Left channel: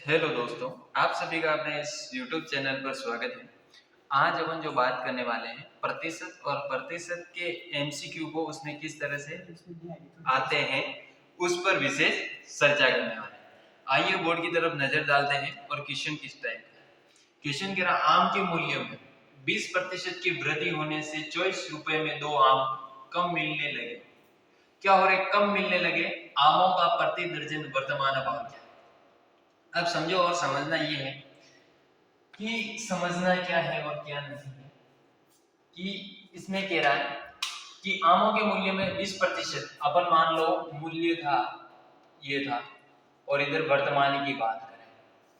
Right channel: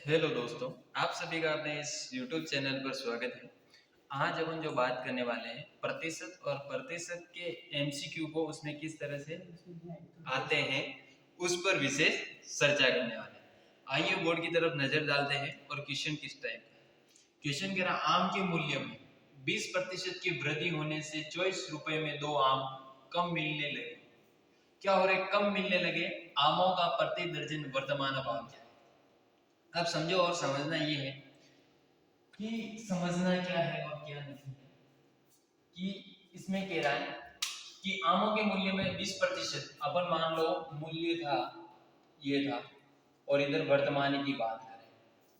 Hello दोस्तों, आप सभी का अपने इस YouTube चैनल पर स्वागत है। आज अपन जो बात करने वाले हैं प्रतिशत और प्रतिशत के एमसीक्यू को उसमें किस तरह से आते हैं उस पर विशेष चर्चा करने वाले हैं। आइए बोर्ड की तरफ नजर डालते हैं और क्वेश्चन किस टाइप का है। क्वेश्चन कह रहा आम के मूल्यों में 20% की वृद्धि होने से 24 रुपए में 2 आम कम मिलने लगे। क्या हो रहा है? कम मिलने लगे। आमों का प्रति दर्जन वर्तमान भाव क्या है? अब समझो और समझना ये है कि समझना क्या है और क्या नहीं है कि इसमें कह रहा है कि आमों के मूल्य में 20% अपन मान लो मूल्य था ये था और इधर वर्तमान की बात करें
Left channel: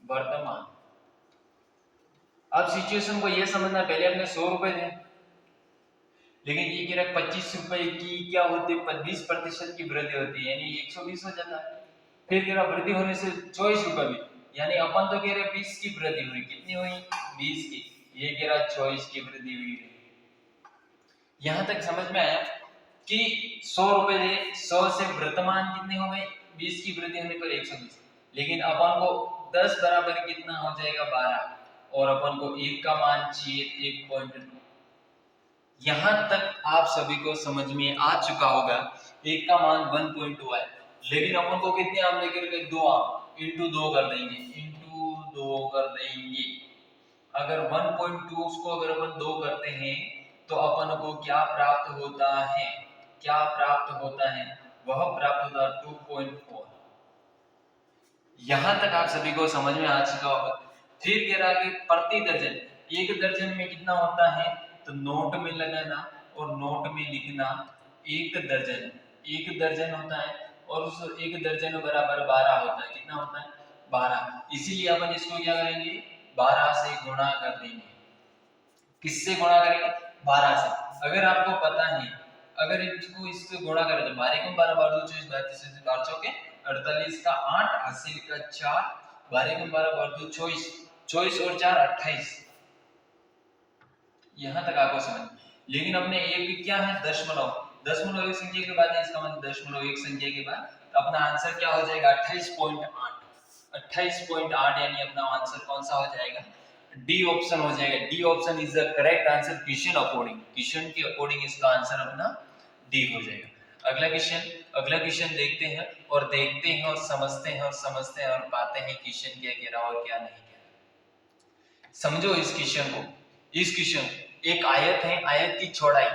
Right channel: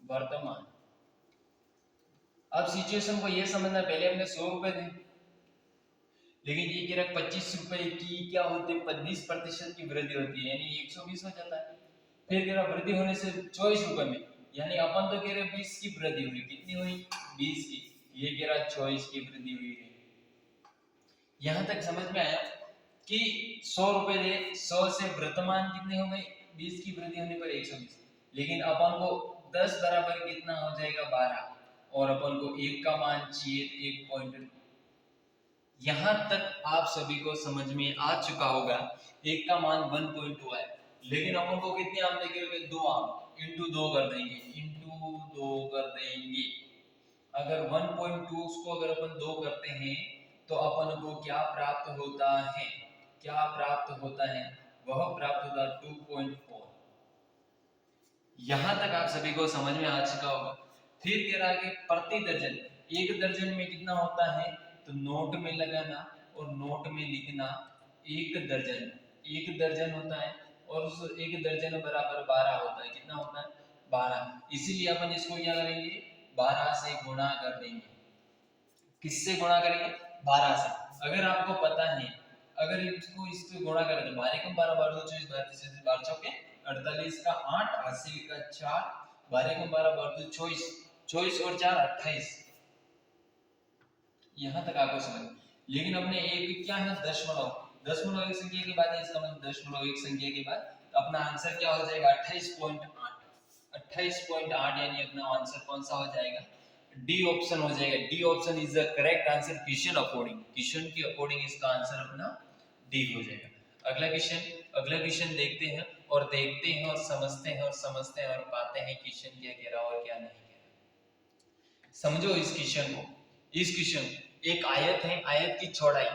वर्तमान। अब सिचुएशन को ये समझना, पहले अपने 100 रुपए थे लेकिन ये कह रहा 25 रुपए की क्या होती है 20% की वृद्धि होती है यानी 120 हो जाता है। फिर कह रहा वृद्धि होने से 24 रुपए में, यानी अपन तो कह रहे 20 की वृद्धि हुई, कितनी हुई 20 की, ये कह रहा 24 की वृद्धि हुई। यहां तक समझ में आया कि 100 रुपए दे 100 से वर्तमान कितने हो गए 20 की वृद्धि होने पर 120, लेकिन अपन को 10 बराबर कितना हो जाएगा 12 और अपन को 1 का मान चाहिए 1.9। यहां तक आप सभी को समझ में आ चुका होगा 1 का मान 1.2 है, लेकिन अपन को कितने आम लेकर के 2 आम इंटू 2 कर देंगे, इंटू 2 कर देंगे। अगर 1.2 उसको अगर अपन 2 करते हैं तो अपन को क्या प्राप्त होता है, क्या प्राप्त होता है, वह प्राप्त होता है 2.4। यहां तक आप सभी को समझ में आ चुका होगा। फिर कह रहा है कि प्रति दर्जन, एक दर्जन में कितना होता है तो नोट में लगाना और नोट में लिखना एक दर्जन, एक दर्जन होता है और उस एक दर्जन बराबर 12 होता है। कितना होता है 12, इसीलिए अपन इसको क्या करेंगे 12 से गुणा कर देंगे। किससे गुणा करेंगे 12 से। अगर आपको पता है अगर इसको इससे गुणा करें तो 12 को 12 12 24 32 12 चौके 48 का 8 हासिल का 4, 12 को 12 12 24 24 और 4 28। यहां तक आपको समझ, लेकिन अपने एक क्या है दशमलव, दशमलव एक संख्या के बाद है, इसका मतलब दशमलव एक संख्या के बाद अपना आंसर क्या हो जाएगा 28.8, 28.8 यानी अपना आंसर कौन सा हो जाएगा डी ऑप्शन हो जाएगा। D option is the correct answer question according, question के अकॉर्डिंग इसका आंसर अपना डी हो जाएगा। अगला क्वेश्चन देखते हैं और देखते हैं और समझते हैं और समझते हैं और पाते हैं क्वेश्चन क्या कह रहा और क्या नहीं कह रहा। समझो इस क्वेश्चन को। इस क्वेश्चन एक आयत है, आयत की चौड़ाई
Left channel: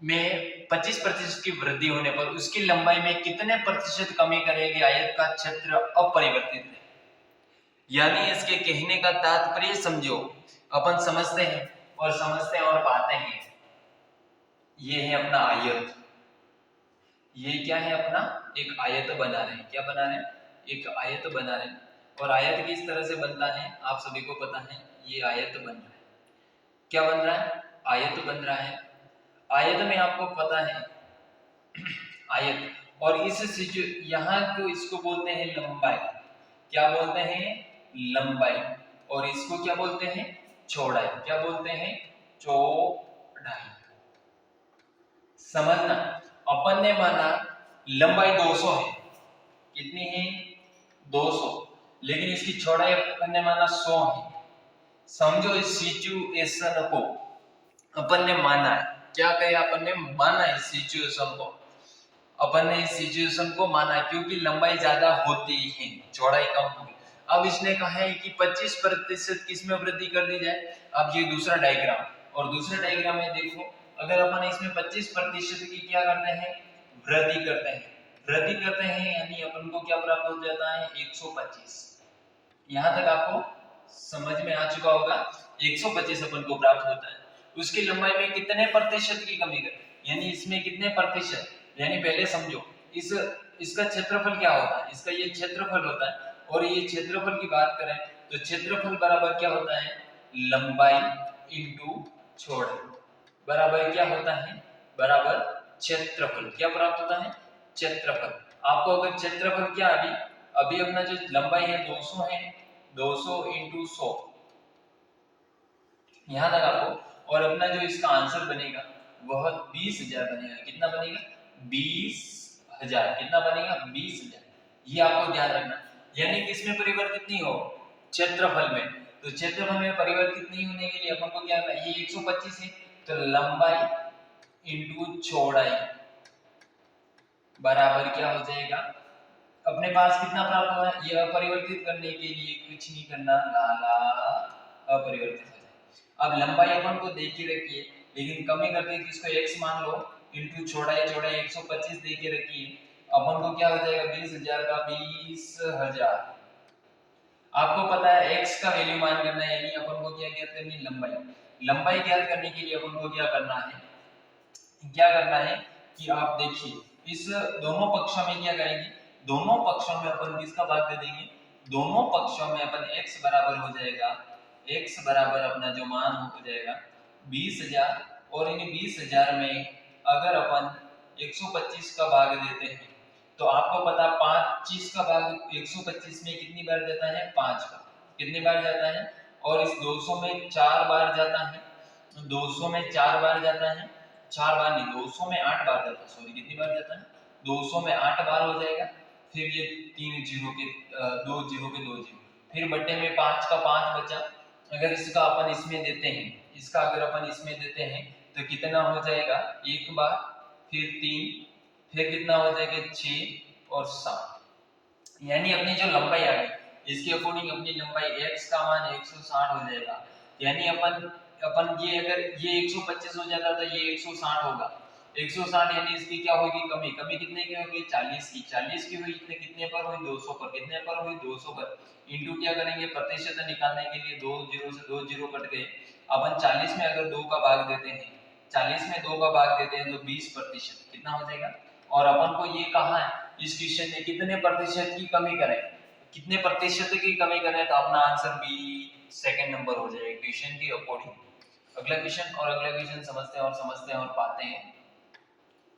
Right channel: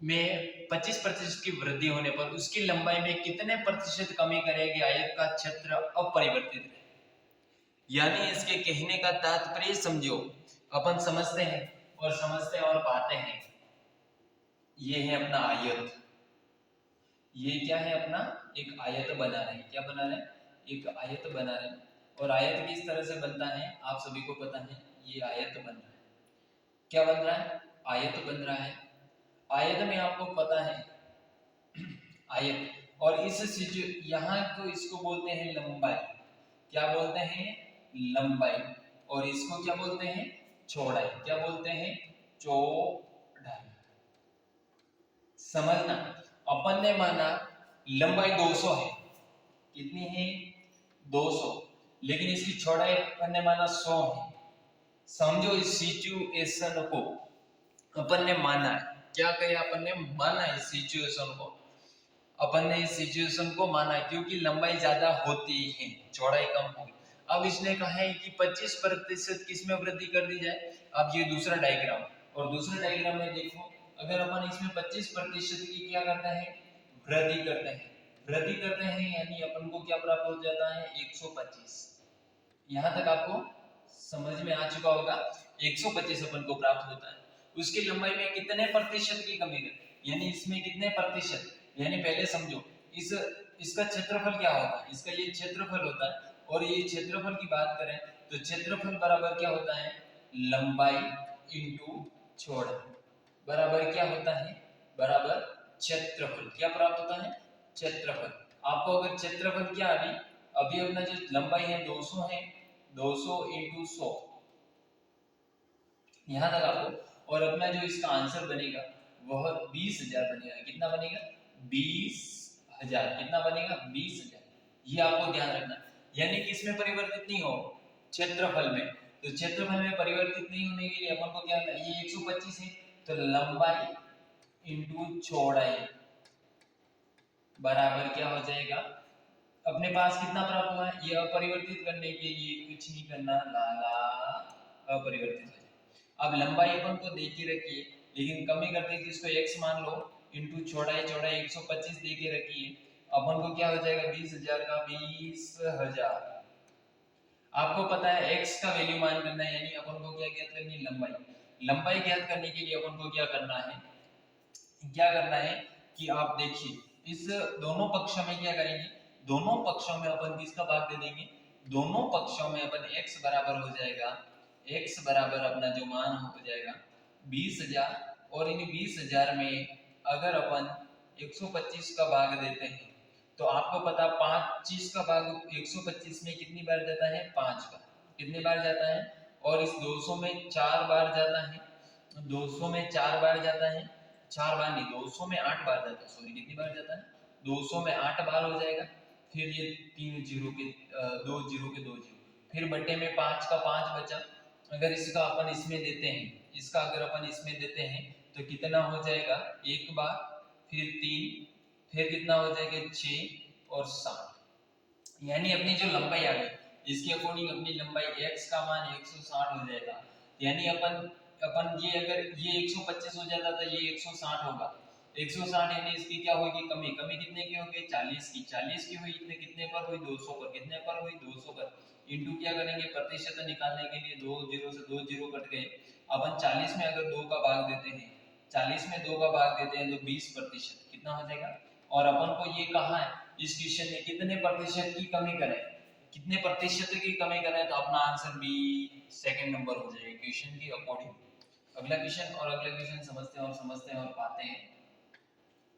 में 25% की वृद्धि होने पर उसकी लंबाई में कितने प्रतिशत कमी करेगी आयत का क्षेत्र अपरिवर्तित रहे। यानी इसके कहने का तात्पर्य समझो, अपन समझते हैं और समझते हैं और पाते हैं। ये है अपना आयत, ये क्या है अपना एक आयत बना रहे हैं, क्या बना रहे हैं एक आयत बना रहे हैं। और आयत किस तरह से बनता है आप सभी को पता है, ये आयत बन रहा है, क्या बन रहा है आयत बन रहा है। आयत में आपको पता है आयत, और इस यहाँ को इसको बोलते हैं लंबाई, क्या बोलते हैं लंबाई, और इसको क्या बोलते हैं चौड़ाई, क्या बोलते हैं चौड़ाई। समझना, अपन ने माना लंबाई 200 है, कितनी है 200, लेकिन इसकी चौड़ाई अपन ने माना 100 है। समझो इस सिचुएशन को अपन ने माना है, क्या कहे अपन ने माना इस सिचुएशन को, अपन ने इस सिचुएशन को माना क्योंकि लंबाई ज्यादा होती है चौड़ाई कम होगी। अब इसने कहा है कि 25% किसमें वृद्धि कर दी जाए। अब ये दूसरा डायग्राम, और दूसरे डायग्राम में देखो अगर अपन इसमें 25% की क्या करते हैं वृद्धि करते हैं, वृद्धि करते हैं यानी अपन को क्या प्राप्त हो जाता है 125। यहां तक आपको समझ में आ चुका होगा 125 अपन को प्राप्त होता है। उसकी लंबाई में कितने प्रतिशत की कमी कर, यानी इसमें कितने प्रतिशत, यानी पहले समझो इस इसका क्षेत्रफल क्या होता है, इसका ये क्षेत्रफल होता है, और ये क्षेत्रफल की बात करें तो क्षेत्रफल बराबर क्या होता है लंबाई इंटू चौड़ाई, बराबर क्या होता है बराबर क्षेत्रफल, क्या प्राप्त होता है क्षेत्रफल। आपको अगर क्षेत्रफल क्या अभी अभी अपना जो लंबाई है 200 है, 200 इंटू 100 यहां तक आपको, और अपना जो इसका आंसर बनेगा वह 20,000 बनेगा। कितना बनेगा 20,000, कितना बनेगा 20,000, ये आपको ध्यान रखना। यानी कि इसमें परिवर्तित नहीं हो, क्षेत्रफल में। तो क्षेत्रफल में परिवर्तित नहीं होने के लिए अपन को क्या करना है, ये 125 है तो लंबाई इंटू चौड़ाई बराबर क्या हो जाएगा, अपने पास कितना प्राप्त हुआ है, ये अपरिवर्तित करने के लिए कुछ नहीं करना, लाला अपरिवर्तित हो जाए। अब लंबाई अपन को दे के रखिए, लेकिन कमी करते हैं इसको x मान लो इंटू चौड़ाई 125 दे के रखिए, अपन को क्या हो जाएगा 20,000 का 20,000। आपको पता है x का वैल्यू मान करना है, यानी अपन को क्या ज्ञात करनी है, लंबाई। लंबाई ज्ञात करने के लिए अपन को क्या करना है कि आप देखिए इस दोनों पक्षों में क्या करेंगे, दोनों पक्षों में अपन किसका भाग दे देंगे, दोनों पक्षों में अपन x बराबर हो जाएगा, x बराबर अपना जो मान हो जाएगा 20,000, और इन 20,000 में अगर अपन 125 का भाग देते हैं तो आपको पता 25 का भाग 125 में कितनी बार जाता है, 5 बार, कितनी बार जाता है, और इस 200 में 4 बार जाता है, 200 में 4 बार जाता है, 4 बार नहीं 200 में 8 बार जाता है, सॉरी कितनी बार जाता है, 200 में 8 बार हो जाएगा। फिर ये 3 जीरो के 2 जीरो के 2 जीरो, फिर बट्टे में 5 का 5 बचा, अगर इसका अपन इसमें देते हैं, इसका अगर अपन इसमें देते हैं तो कितना हो जाएगा, एक बार, फिर 3, फिर कितना हो जाएगा 6 और 7, यानी अपनी जो लंबाई आ गई इसके अकॉर्डिंग अपनी लंबाई x का मान 160 हो जाएगा। यानी अपन ये अगर ये 125 हो जाता तो ये 160 होगा, 160 यानी इसकी क्या होगी, कमी। कमी कितने की होगी, 40 की। 40 की हुई कितने पर हुई, 200 पर। कितने पर हुई, 200 पर। इंटू क्या करेंगे, प्रतिशत निकालने के लिए 2 जीरो से 2 जीरो कट गए। अपन 40 में अगर 2 का भाग देते हैं, 40 में 2 का भाग देते हैं तो 20% कितना हो जाएगा। और अपन को ये कहा है इस क्वेश्चन में कितने प्रतिशत की कमी करें, कितने प्रतिशत की कमी करें, तो अपना आंसर बी सेकंड नंबर हो जाएगा क्वेश्चन के अकॉर्डिंग। अगला क्वेश्चन समझते हैं और समझते हैं और पाते हैं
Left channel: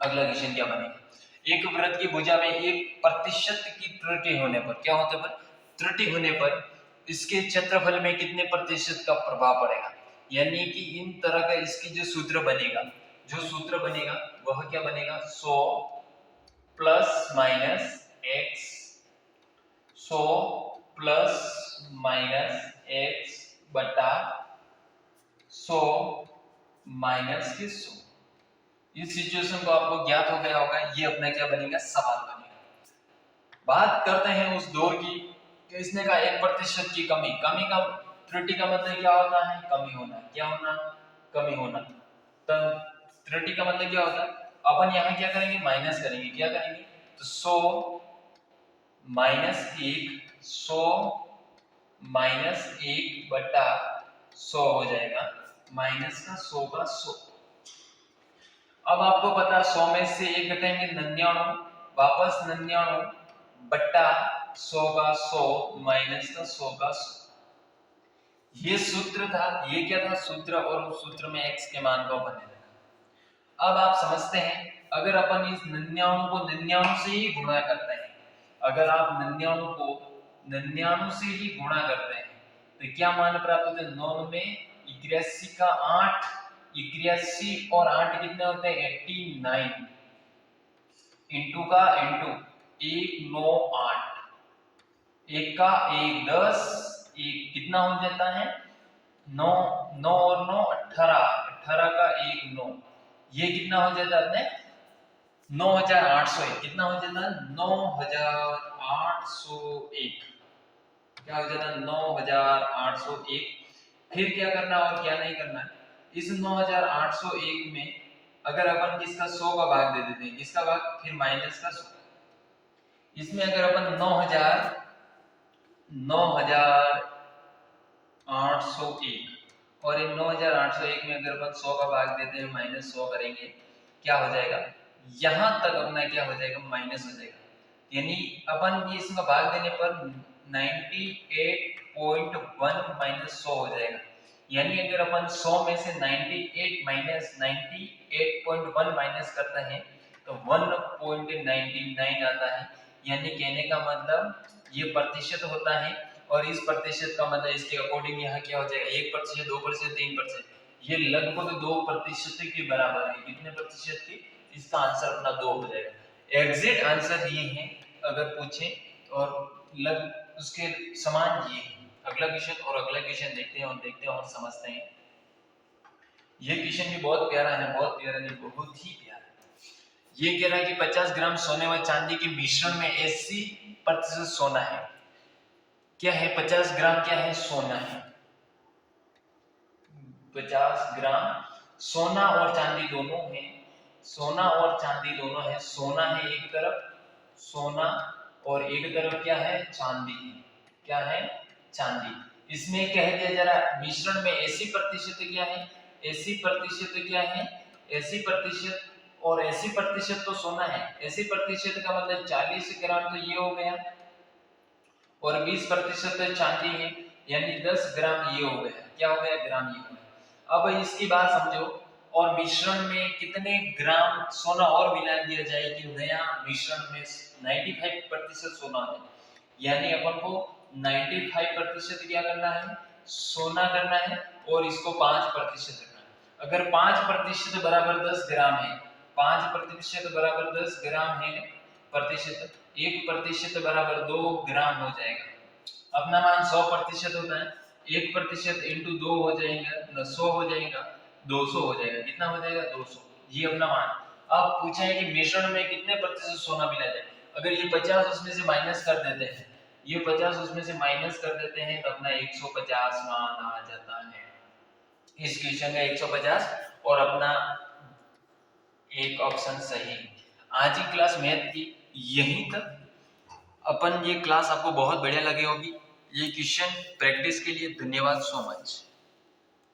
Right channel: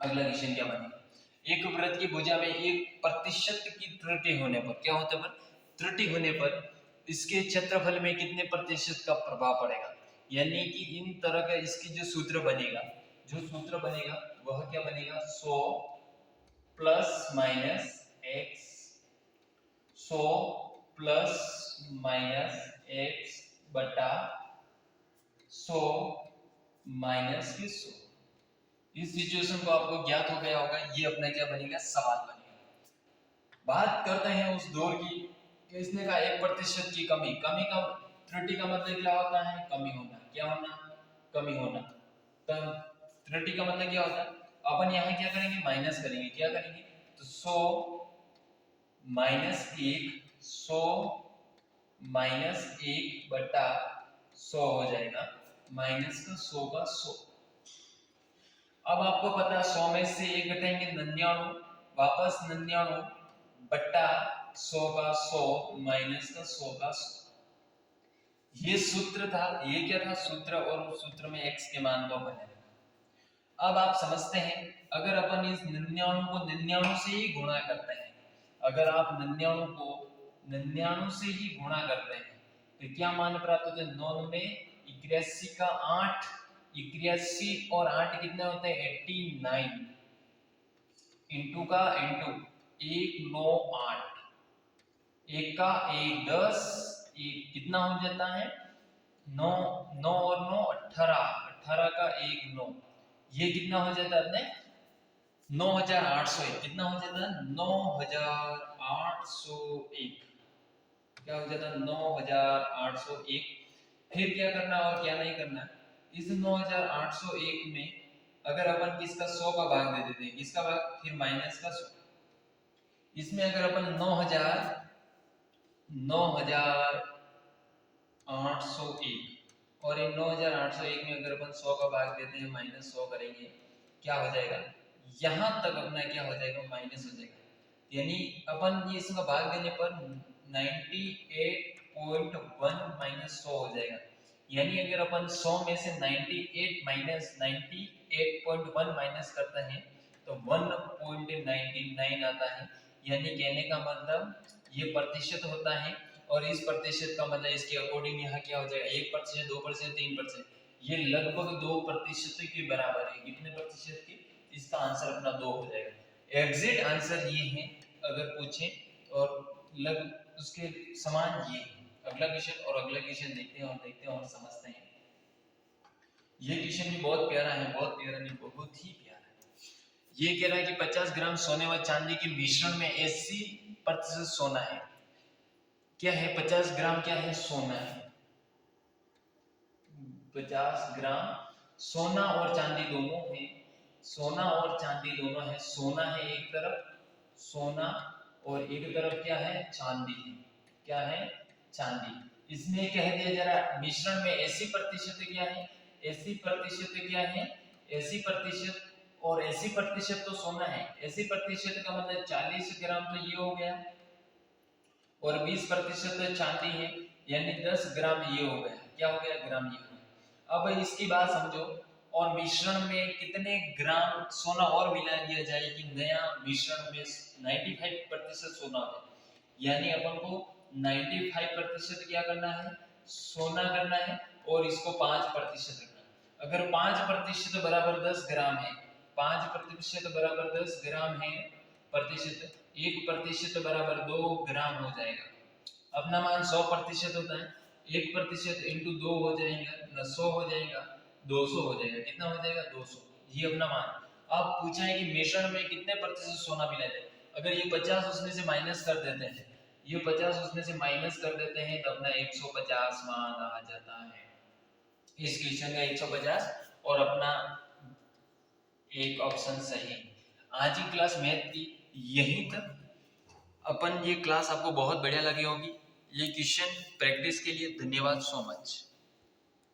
अगला क्वेश्चन क्या बनेगा। एक वृत्त की भुजा में 1% की त्रुटि होने पर, क्या होते पर, त्रुटि होने पर इसके क्षेत्रफल में कितने प्रतिशत का प्रभाव पड़ेगा। यानी कि इन तरह का इसकी जो सूत्र बनेगा, वह क्या बनेगा, 100 plus minus x, 100 plus minus x बटा 100 माइनस के 100। इस सिचुएशन को आपको ज्ञात हो गया होगा, ये अपना क्या बनेगा, सवाल बनेगा। बात करते हैं उस दौर की, कि इसने कहा 1% की कमी। कमी का, त्रुटि का मतलब क्या होता है, कमी होना। क्या होना, कमी होना। तो त्रुटि का मतलब क्या होता है, अपन यहाँ क्या करेंगे, माइनस करेंगे। क्या करेंगे, तो 100 माइनस 1, 100 माइनस 1 बटा 100 हो जाएगा, माइनस का 100 का 100। अब आपको पता है 100 में से 1 घटाएंगे 99, वापस 99 बट्टा 100 का 100 माइनस का 100 का 100। ये सूत्र था, ये क्या था, सूत्र, और उस सूत्र में x के मान को अपन ने रखा। अब आप समझते हैं, अगर अपन इस 99 को 99 से ही गुणा करते हैं, अगर आप 99 को 99 से ही गुणा करते हैं तो क्या मान प्राप्त होते हैं, 9 में 81 का 8, 81 और 8 कितने होते हैं, 89, इंटू का इंटू 1 9 8, 1 का 1 10, 1 कितना हो जाता है 9, 9 और 9 18, 18 का 1 9, ये कितना हो जाता है अपने 9801। कितना हो जाता है 9801, क्या हो जाता है 9801। फिर क्या करना और क्या नहीं करना, इस 9801 में अगर अपन किसका 100 का भाग दे देते हैं, किसका भाग, फिर माइनस का 100, इसमें अगर अपन 9801 और इन 9801 में अगर अपन 100 का भाग देते हैं, माइनस 100 करेंगे, क्या हो जाएगा, यहां तक अपना क्या हो जाएगा, माइनस हो जाएगा। यानी अपन ये इसका भाग देने पर 98.1 माइनस 100 हो जाएगा। यानी अगर अपन 100 में से 98 माइनस 98.1 माइनस करते हैं तो 1.99 आता है। यानी कहने का मतलब ये प्रतिशत होता है, और इस प्रतिशत का मतलब इसके अकॉर्डिंग यहाँ क्या हो जाएगा, 1%, 2%, 3%, ये लगभग 2% के बराबर है। कितने प्रतिशत की, इसका आंसर अपना 2 हो जाएगा। एग्जैक्ट आंसर ये है अगर पूछे, और लग उसके समान ये है। अगला क्वेश्चन और अगला क्वेश्चन देखते हैं और समझते हैं। ये क्वेश्चन भी बहुत प्यारा है, बहुत प्यारा नहीं, बहुत ही प्यारा है। ये कह रहा है कि 50 ग्राम सोने व चांदी के मिश्रण में 80% सोना है। क्या है? 50 ग्राम क्या है? सोना है। 50 ग्राम सोना और चांदी दोनों है। सोना और चांदी दोनों है। सोना है एक तरफ, सोना, और एक तरफ क्या है? चांदी है। क्या है? चांदी। इसमें कह दिया जरा मिश्रण में 80% क्या है? 80% क्या है? 80% और 80% तो सोना है। 80% का मतलब 40 ग्राम तो ये हो गया, और 20% चांदी है, यानी 10 ग्राम ये हो गया। क्या हो गया? ग्राम ये हो गया। अब इसकी बात समझो, और मिश्रण में कितने ग्राम सोना और मिला दिया जाए कि नया मिश्रण में 95% सोना हो जाए। यानी अपन को 95% क्या करना है? सोना करना है, और इसको 5% करना है। अगर 5% बराबर 10 ग्राम है, 5% बराबर 10 ग्राम है प्रतिशत, 1% बराबर 2 ग्राम हो जाएगा। अपना मान 100% होता है, 1% इंटू 2 हो जाएगा, 100 हो जाएगा, 200 हो जाएगा। कितना हो जाएगा? 200। ये अपना मान। अब पूछा है कि मिश्रण में कितने प्रतिशत सोना मिला जाए। अगर ये 50 उसमें से माइनस कर देते हैं, ये 50 उसमें से माइनस कर देते हैं, तो अपना 150 मान आ जाता है। इस क्वेश्चन का 150 और अपना एक ऑप्शन सही। आज की क्लास मैथ की यहीं तक। अपन ये क्लास आपको बहुत बढ़िया लगी होगी। ये क्वेश्चन प्रैक्टिस के लिए धन्यवाद सो मच।